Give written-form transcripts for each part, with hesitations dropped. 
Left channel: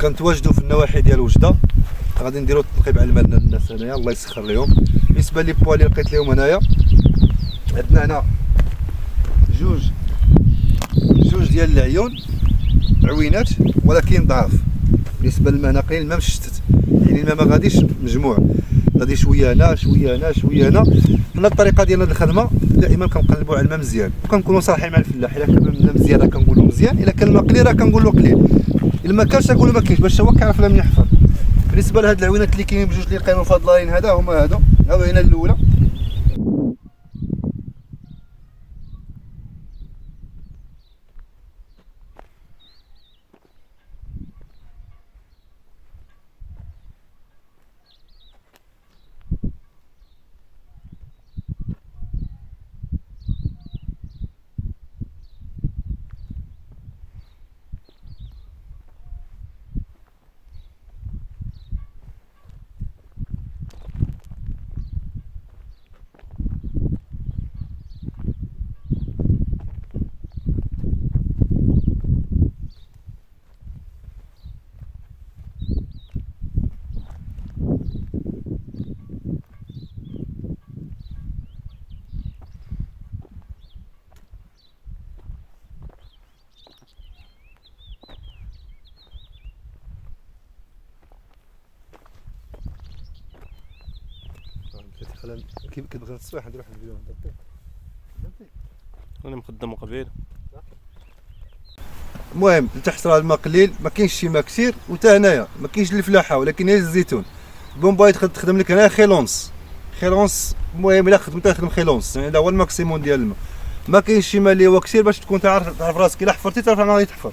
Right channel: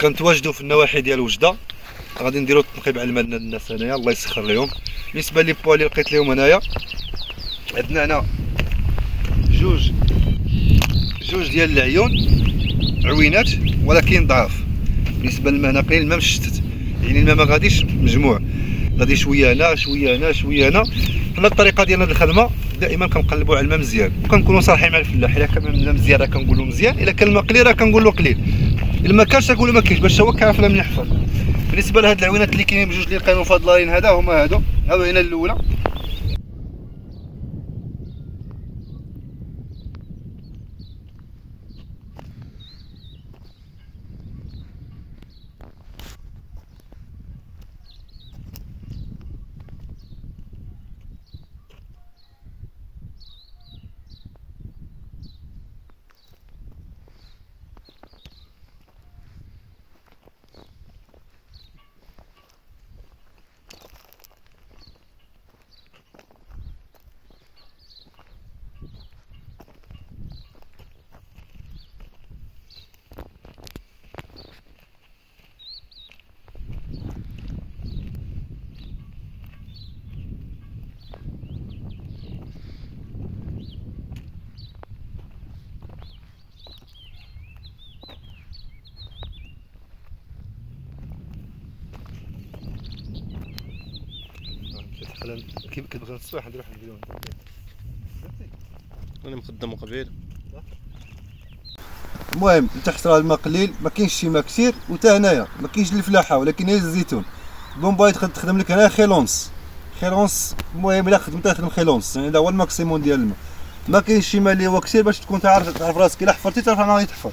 كنتواجدوا في النواحي ديال وجده، غادي نديروا تنقيب على الماء الناس هنايا الله يسخر لهم. بالنسبه لي بوا اللي لقيت لهم هنايا، عندنا هنا جوج ديال العيون عوينات ولكن ضعاف. بالنسبه للماء هنا قليل، الماء مشتت، يعني الماء ما غاديش مجموع، غادي شويه هنا شويه هنا شويه هنا. حنا الطريقه ديالنا ديال الخدمه دائما كنقلبوا على الماء مزيان، وكنكونوا صالحين مع الفلاح. الا كان الماء مزيان راه كنقولوا مزيان، الا كان الماء قليل راه كنقولوا قليل. الا ما كانش كنقولوا ما كاينش، باش هو كيعرف الماء منين يحفر. بالنسبه لهاد العوينات اللي كاينين بجوج اللي لقينا مفضلين، هذا هما هادو العوينه الاولى. كيف كتبغي الصباح ندير واحد الفيديو انا مخدم قبيل. المهم انت حصر الماء قليل، ما كاينش شي ماء كثير، وتا هنايا ما كاينش الفلاحه ولكن هي الزيتون. البومباي تخدم لك هنايا خيلونس. المهم الا خدمت تخدم خيلونس، يعني هذا هو الماكسيموم ديال الماء. ما كاينش شي ماء اللي هو كثير باش تكون تعرف راسك الا حفرتي تعرف انا غادي تحفر.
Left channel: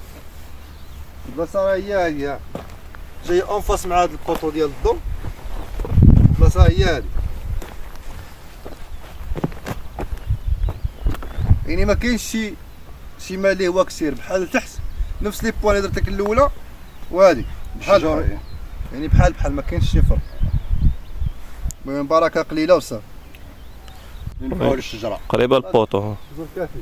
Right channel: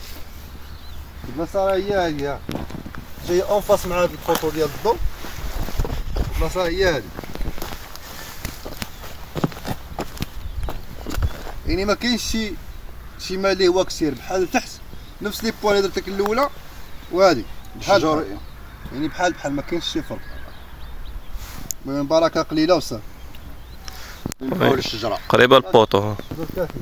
البلاصه راه هي هادي جايه اونفاس مع هاد البوطو ديال الضو. البلاصه هي هادي، يعني ما كاينش شي ماء اللي هو كثير بحال تحت نفس لي بوان اللي درت لك الاولى وهذه بحال يعني بحال ما كاينش شي فرق. المهم بركه قليله وصافي. نبقاو للشجره قريبه البوطو ها. كافي.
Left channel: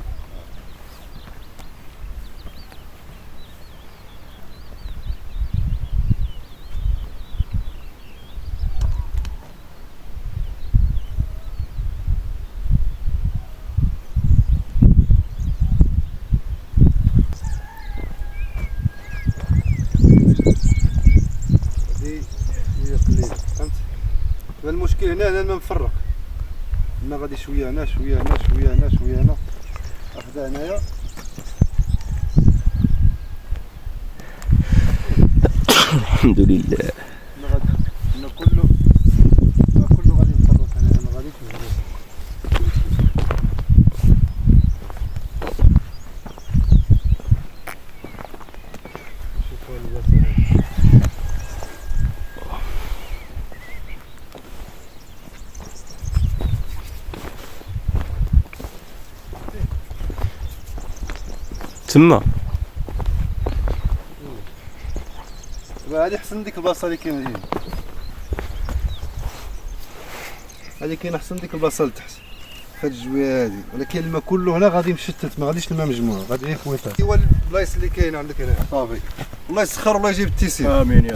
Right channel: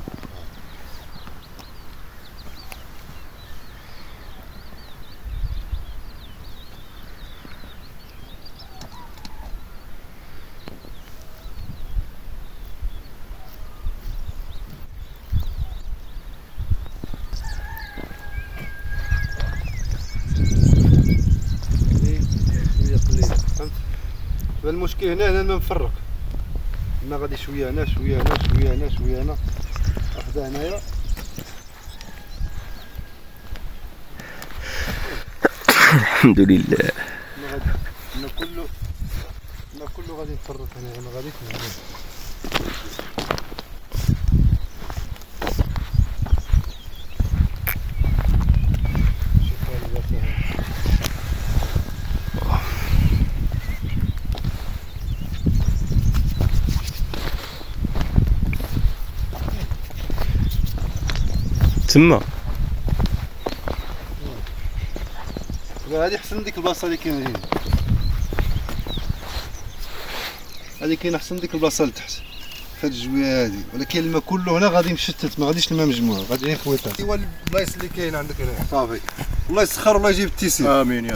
فهمت؟ المشكل هنا الماء مفرق، الماء غادي شويه هنا شويه هنا شويه هنا شويه هنا، واحده هنايا. الحمد لله. الماء كله غادي مفرق هنا، ما غاديش مجموع. تما هادي حسن ديك البلاصه اللي كاينه هنا، هادي كاينه حسن ديك البلاصه لتحت فهاد الجويه هادي، ولكن الماء كله هنا غادي مشتت، ما غاديش الماء مجموع، غادي غير خويطات. ايوا البلايص اللي كاينه عندك هنا صافي، الله يسخر والله يجيب التيسير. امين يا